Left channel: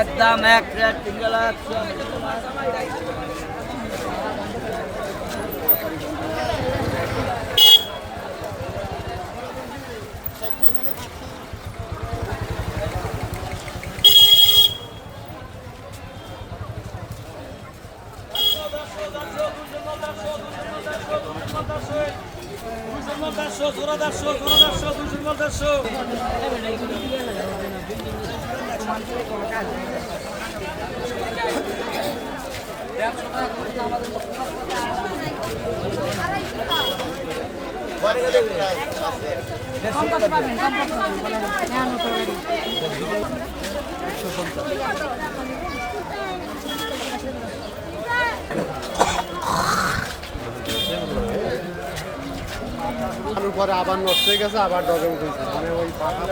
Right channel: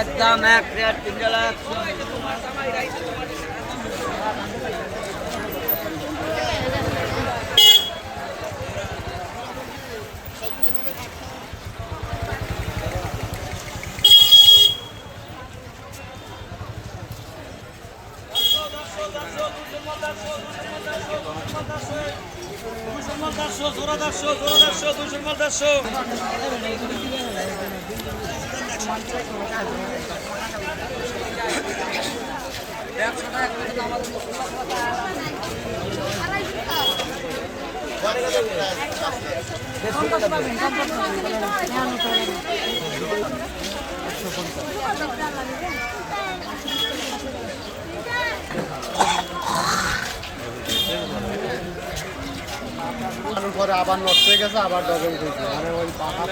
একদম এক রেট 3 লাখ কম করতে পারবেন, কম করতে পারবেন। পরে আবার নষ্ট হয়ে গেছে, আবার ডজন করছে মানে ওই পাখা